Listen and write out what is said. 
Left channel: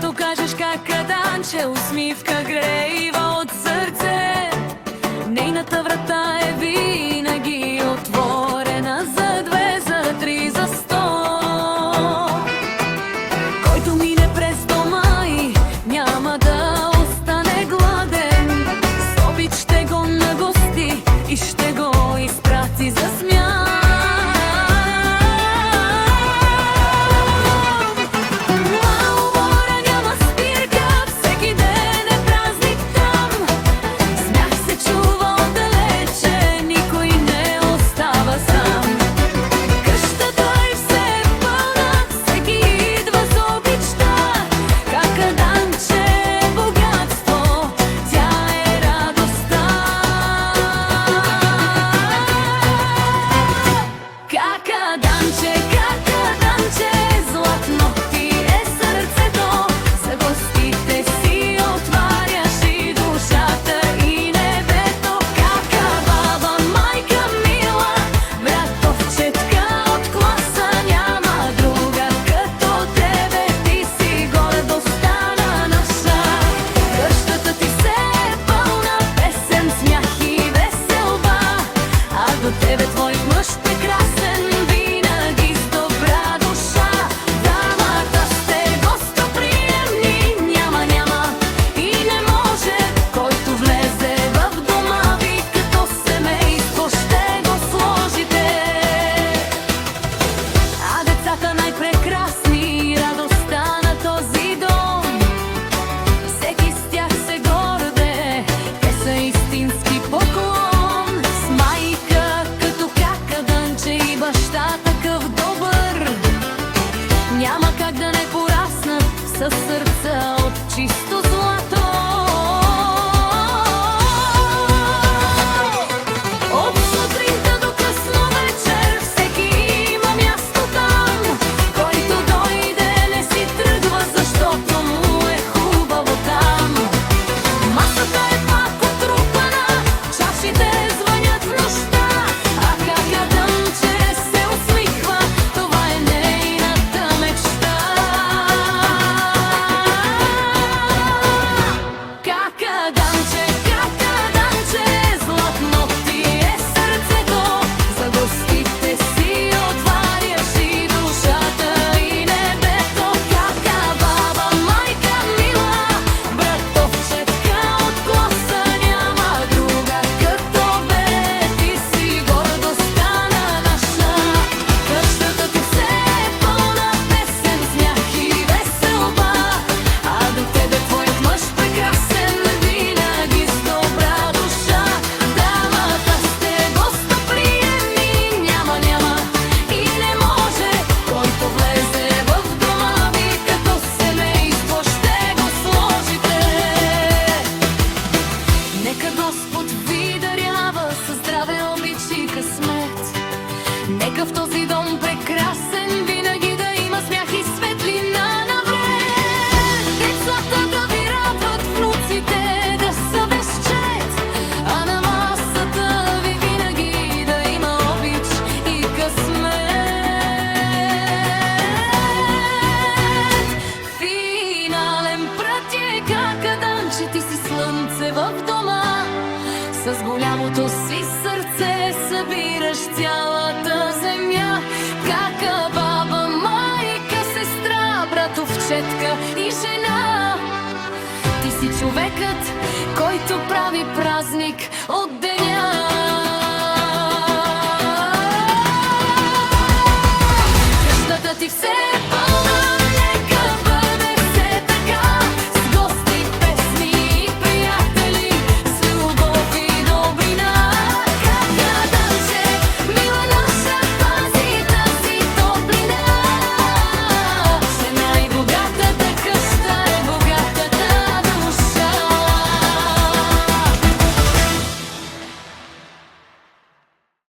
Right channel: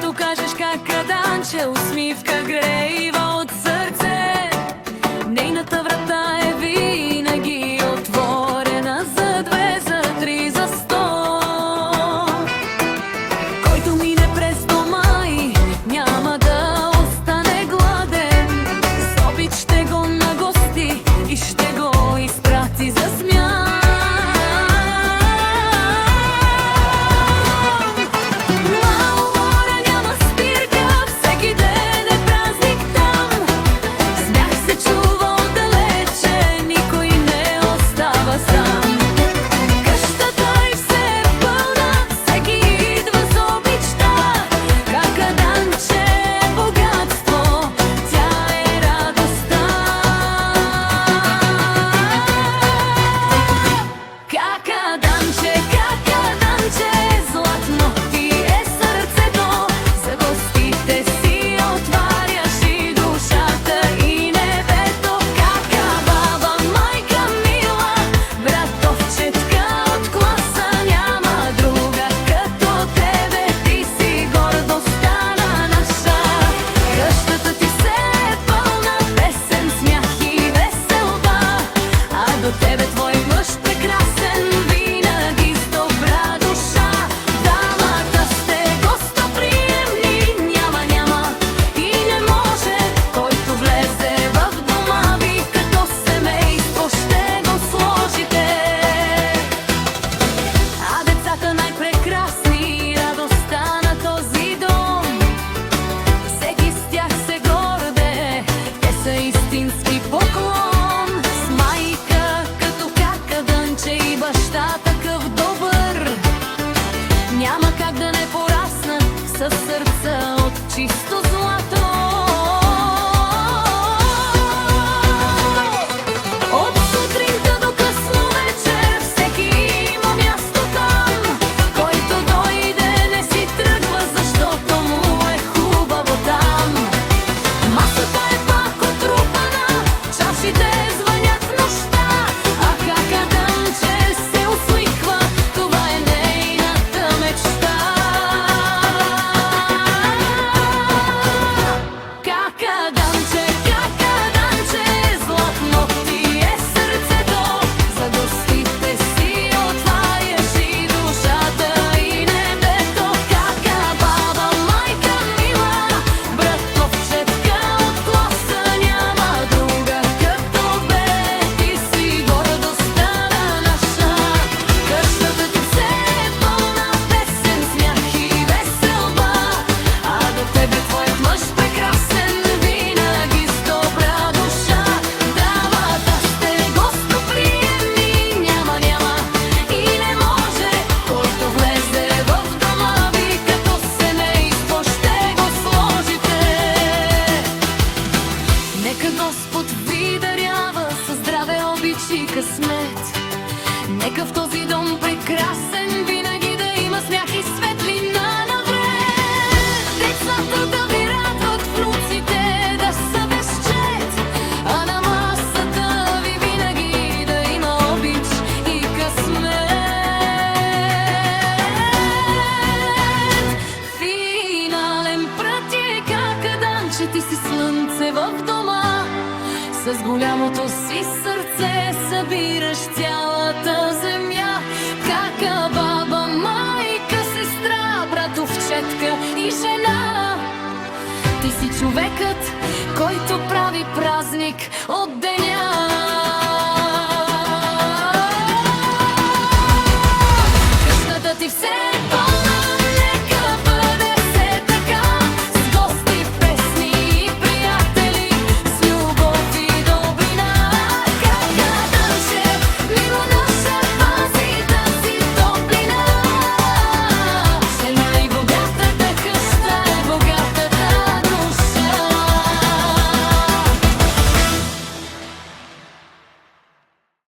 Когато кажеш кака Данче, усмивка грейва от сърце. Нейната врата е винаги отворена за 2, за 3, за 100. Който мине през дома и няма да остане гладен, с обич ще го нагости и ще го изпрати за смях. До тебе твой мъж прекрасен, винаги с добра душа. Дамата сте гостоприемни, няма и не може, който влезе в дома ви като семейство ще го сложите. А децата най-прекрасни, радостта на този дом, всеки с тях се горде, те са истински поклон. И баща такъв добър, няма как да не пораснат със сърца от чисто злато. От сутринта до късно вечер всеки има място там. Който дойде не си тръгва, защото му е хубаво там. Масата е пак отрупана, чашите звънят в нощта, а кака Данче се усмихва, това е нейната мечта. Кака Данче, златно ти е сърцето, за гостите си отваряш и душата и небето. Кака баба, майка мила, братовчетка от класа, няма друга като бе, ти си гордостта на наша. Къщата ти все е пълна песен, смях и веселба, а до тебе твоят мъж прекрасен, винаги с добра душа. Дамата сте гостоприемни, няма и не може, който влезе в дома ви като семейство ще го сложите. Нека Господ ви дарява със здраве, обич и късмет. Нека в този дом прекрасен винаги да има смях и светлина навред. Децата да ви радват, внуците да са без чет, а на масата ви винаги да има обич и късмет. Финален прът е кака Данче, ти си слънце в дома. С голямото си сърце събираш цялата земя. Кака баба, майка, сестра, братовчетка и жена. Ти си човекът, който прави празник от деня. Къщата ти все